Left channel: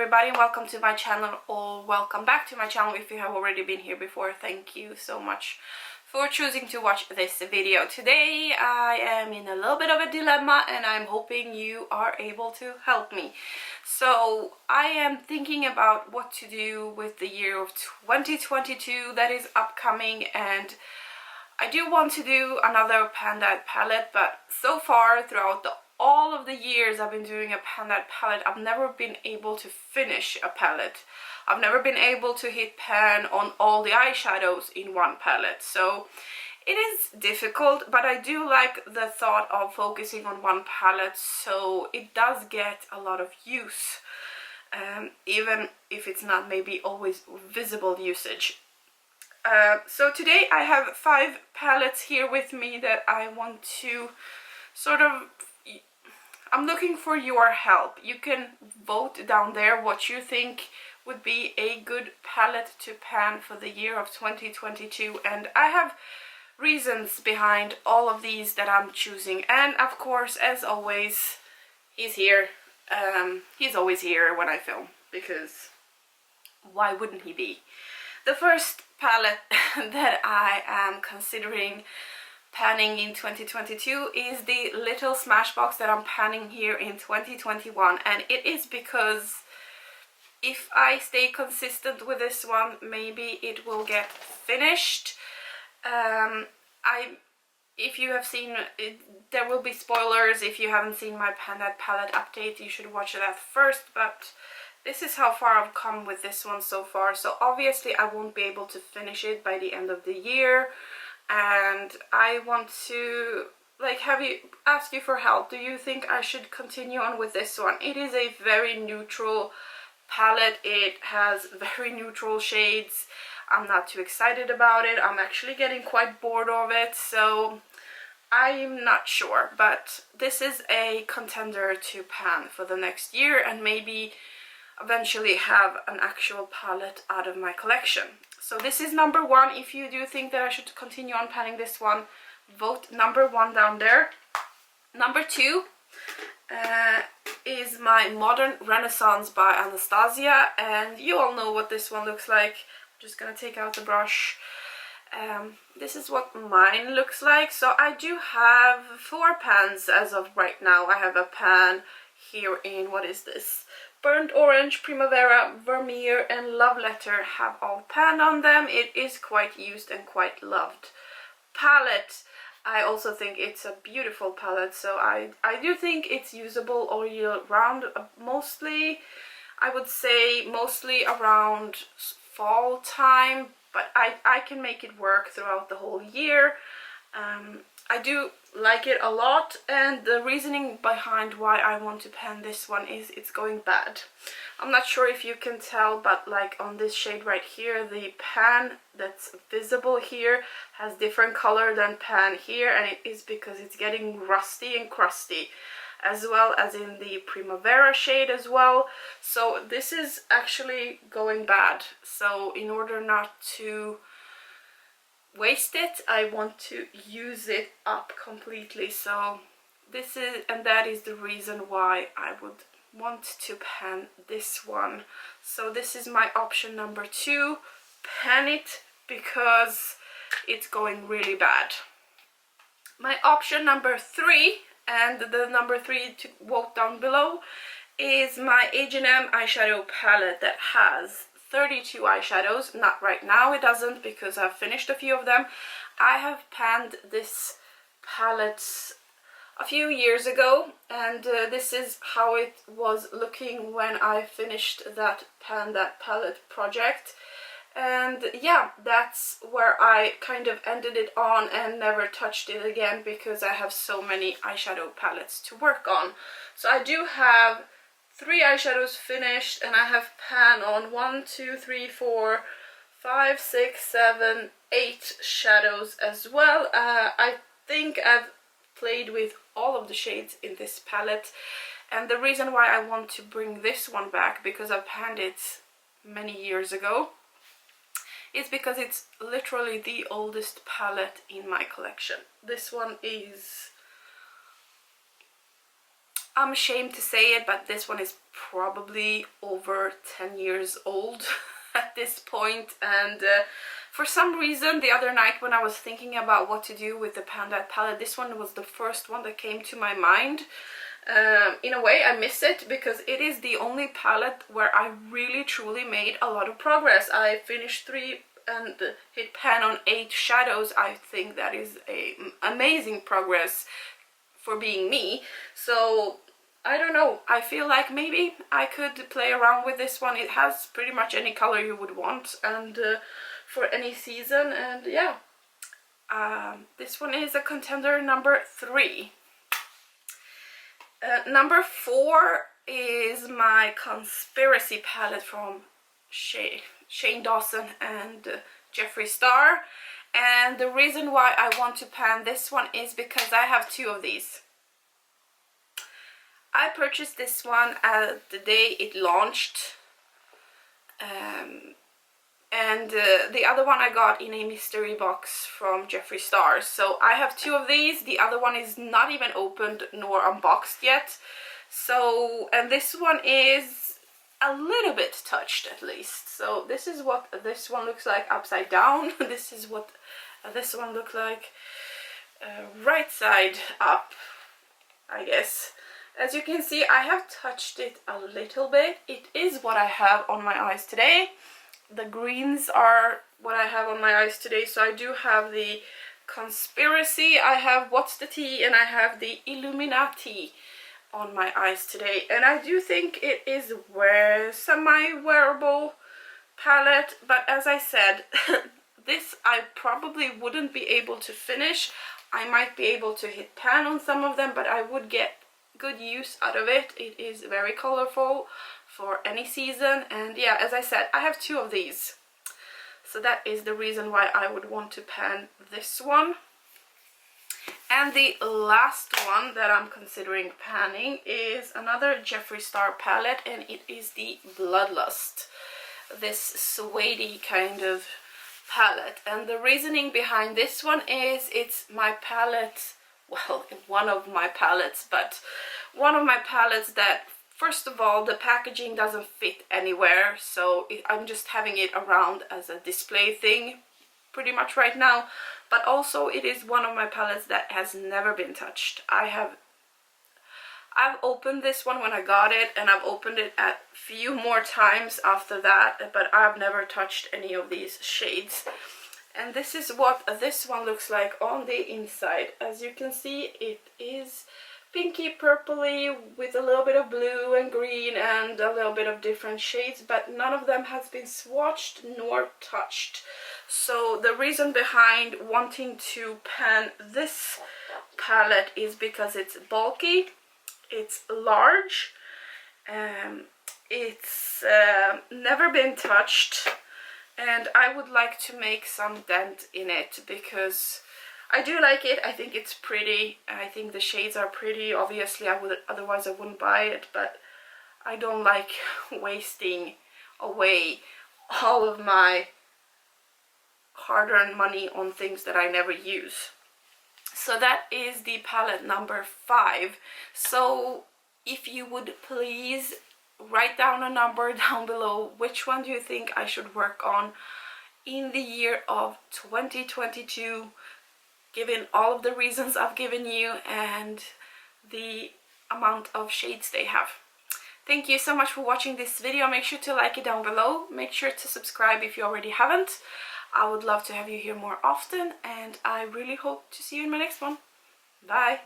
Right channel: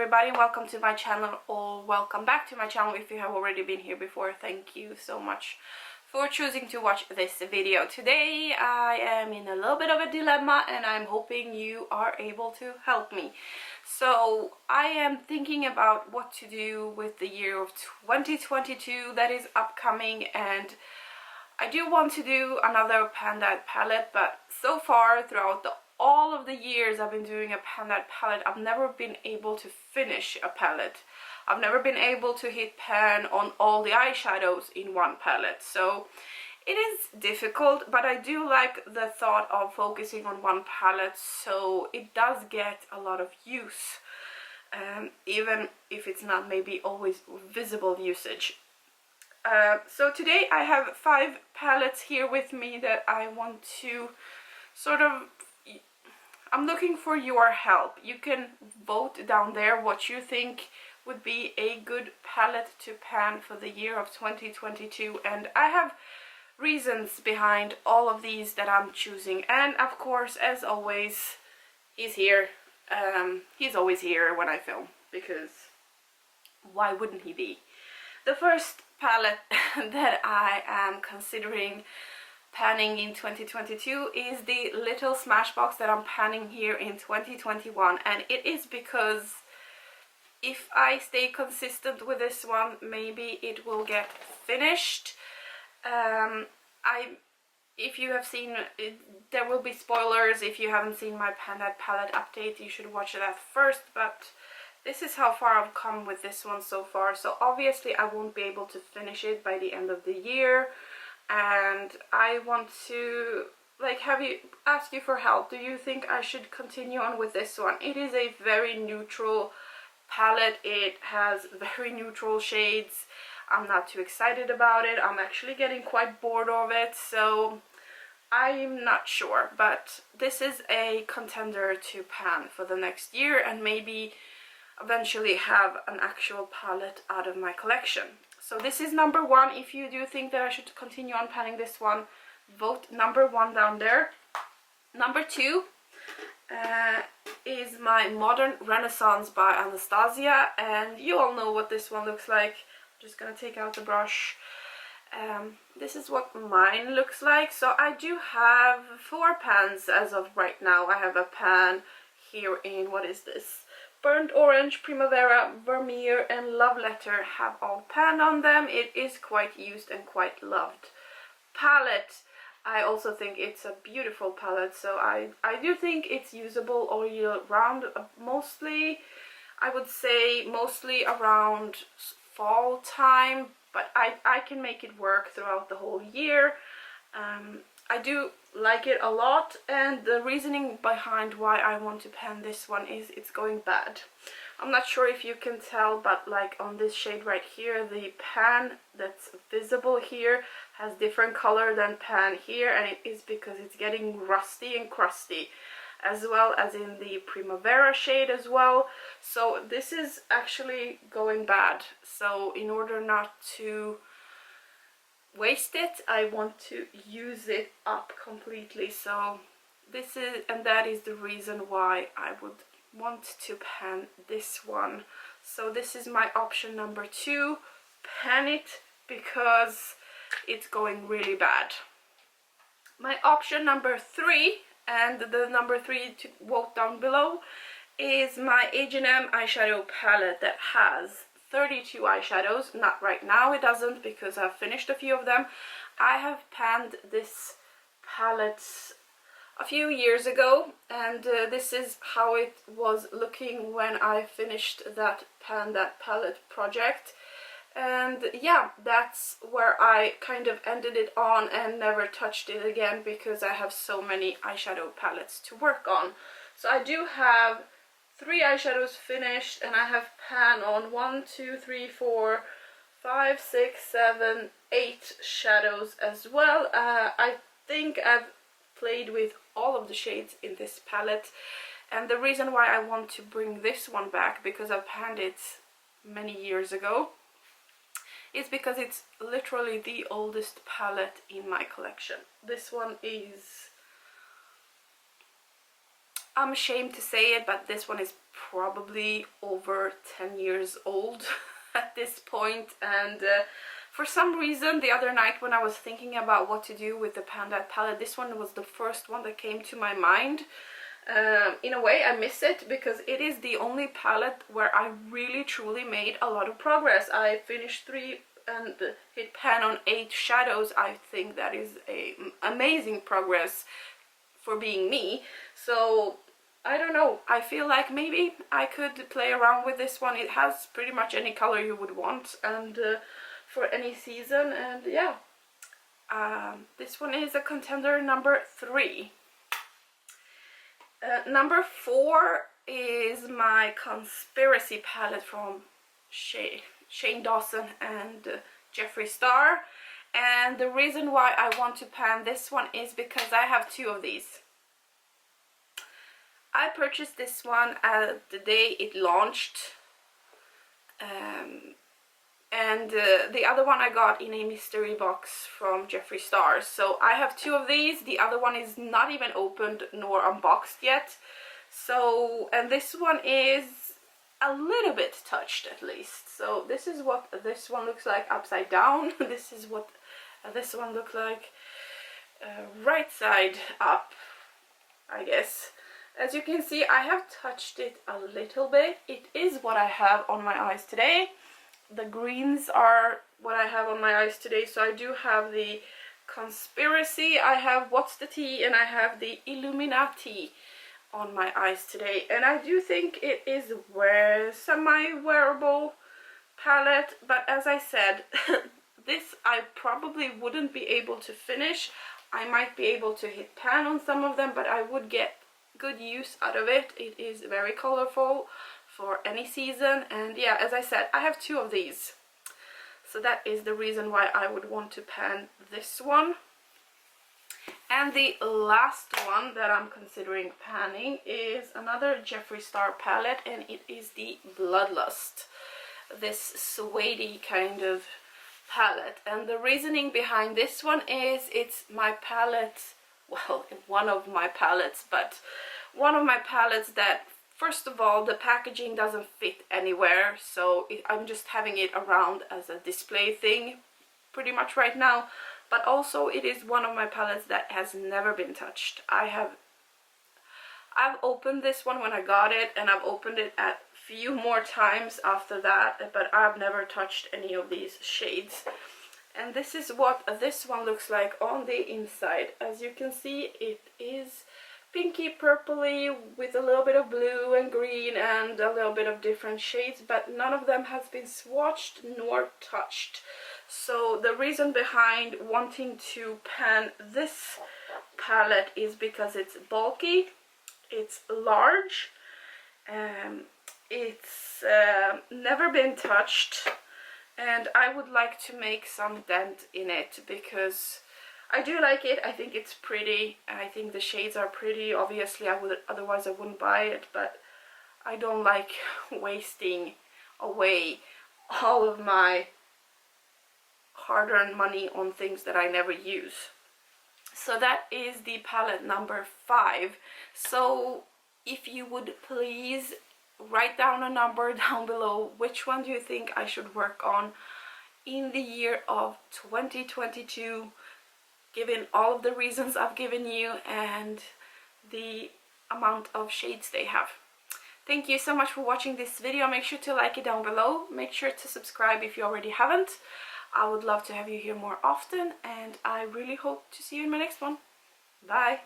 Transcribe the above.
everybody, welcome to my channel, or welcome back to my channel if you have already been here before. Thank you so much for choosing to watch this video. Today I am in a little bit of a dilemma and I'm hoping you are able to help me. So I am thinking about what to do with the year of 2022 that is upcoming, and I do want to do another Pan-Dyed palette, but so far throughout all of the years I've been doing a Pan-Dyed palette, I've never been able to finish a palette. I've never been able to hit pan on all the eyeshadows in one palette. So it is difficult, but I do like the thought of focusing on one palette, so it does get a lot of use, even if it's not maybe always visible usage. So today I have 5 palettes here with me that I want to sort of, I'm looking for your help. You can vote down there what you think would be a good palette to pan for the year of 2022, and I have reasons behind all of these that I'm choosing. And of course, as always, he's here. He's always here when I film, because why wouldn't he be? The first palette that I am considering panning in 2022 is the little Smashbox that I'm panning here in 2021, and it is because if I stay consistent with this one, maybe it will get finished. If you have seen it, there will be spoilers. If you haven't seen my Pan-Dyed palette update, you should watch that first, but this is how far I've come with this one so far. So obviously I won't be able to finish it by the end of the year, and I want to ask you for help. Do you think I should continue on with this one? It is a very neutral palette. It has very neutral shades. I'm not too excited about it. I'm actually getting quite bored of it, so I'm not sure, but this is a contender to pan for the next year and maybe eventually have an actual palette out of my collection. So this is number 1. If you do think that I should continue on panning this one, vote number 1 down there. Number 2 is my Modern Renaissance by Anastasia, and you all know what this one looks like. I'm just gonna take out the brush. This is what mine looks like. So I do have 4 pans as of right now. I have a pan here in, what is this? Burnt Orange, Primavera, Vermeer and Love Letter have all panned on them. It is quite used and quite loved palette. I also think it's a beautiful palette, so I do think it's usable all year round. Mostly, I would say mostly around fall time, but I can make it work throughout the whole year. I do like it a lot, and the reasoning behind why I want to pan this one is it's going bad. I'm not sure if you can tell, but like on this shade right here, the pan that's visible here has different color than pan here, and it is because it's getting rusty and crusty, as well as in the Primavera shade as well. So this is actually going bad. So in order not to waste it, I want to use it up completely. So this is, and that is the reason why I would want to pan this one. So this is my option number 2, pan it because it's going really bad. My option number 3, and the number 3 to vote down below, is my H&M eyeshadow palette that has 32 eyeshadows. Not right now, it doesn't, because I've finished a few of them. I have panned this palette a few years ago, and this is how it was looking when I finished that Pan-Dyed palette project. And yeah, that's where I kind of ended it on and never touched it again, because I have so many eyeshadow palettes to work on. So I do have 3 eyeshadows finished, and I have pan on 1, 2, 3, 4, 5, 6, 7, 8 shadows as well. I think I've played with all of the shades in this palette, and the reason why I want to bring this one back, because I've panned it many years ago, is because it's literally the oldest palette in my collection. This one is, I'm ashamed to say it, but this one is probably over 10 years old at this point, and for some reason the other night when I was thinking about what to do with the Panda palette, this one was the first one that came to my mind. In a way I miss it because it is the only palette where I really truly made a lot of progress. I finished 3 and hit pan on 8 shadows. I think that is a amazing progress for being me. So I don't know, I feel like maybe I could play around with this one. It has pretty much any color you would want, and for any season, and yeah. This one is a contender number 3. Number 4 is my Conspiracy palette from Shane Dawson and Jeffree Star. And the reason why I want to pan this one is because I have 2 of these. I purchased this one the day it launched, and the other one I got in a mystery box from Jeffree Star. So I have 2 of these. The other one is not even opened nor unboxed yet. So, and this one is a little bit touched at least. So this is what this one looks like upside down. This is what this one looks like right side up, I guess. As you can see, I have touched it a little bit. It is what I have on my eyes today. The greens are what I have on my eyes today. So I do have the Conspiracy, I have What's the Tea, and I have the Illuminati on my eyes today. And I do think it is semi-wearable palette, but as I said, this I probably wouldn't be able to finish. I might be able to hit pan on some of them, but I would get good use out of it. It is very colorful for any season, and yeah, as I said, I have 2 of these. So that is the reason why I would want to pan this one. And the last one that I'm considering panning is another Jeffree Star palette, and it is the Bloodlust. This suede kind of palette. And the reasoning behind this one is it's my palette, well, one of my palettes, but one of my palettes that, first of all, the packaging doesn't fit anywhere, so I'm just having it around as a display thing pretty much right now. But also it is one of my palettes that has never been touched. I've opened this one when I got it, and I've opened it a few more times after that, but I've never touched any of these shades. And this is what this one looks like on the inside. As you can see, it is pinky purpley with a little bit of blue and green and a little bit of different shades, but none of them has been swatched nor touched. So the reason behind wanting to pan this palette is because it's bulky, it's large, it's never been touched, and I would like to make some dent in it because I do like it. I think it's pretty. I think the shades are pretty. Obviously, otherwise I wouldn't buy it, but I don't like wasting away all of my hard-earned money on things that I never use. So that is the palette number 5. So if you would please write down a number down below, which one do you think I should work on in the year of 2022, given all of the reasons I've given you and the amount of shades they have. Thank you so much for watching this video. Make sure to like it down below. Make sure to subscribe if you already haven't. I would love to have you here more often, and I really hope to see you in my next one. Bye!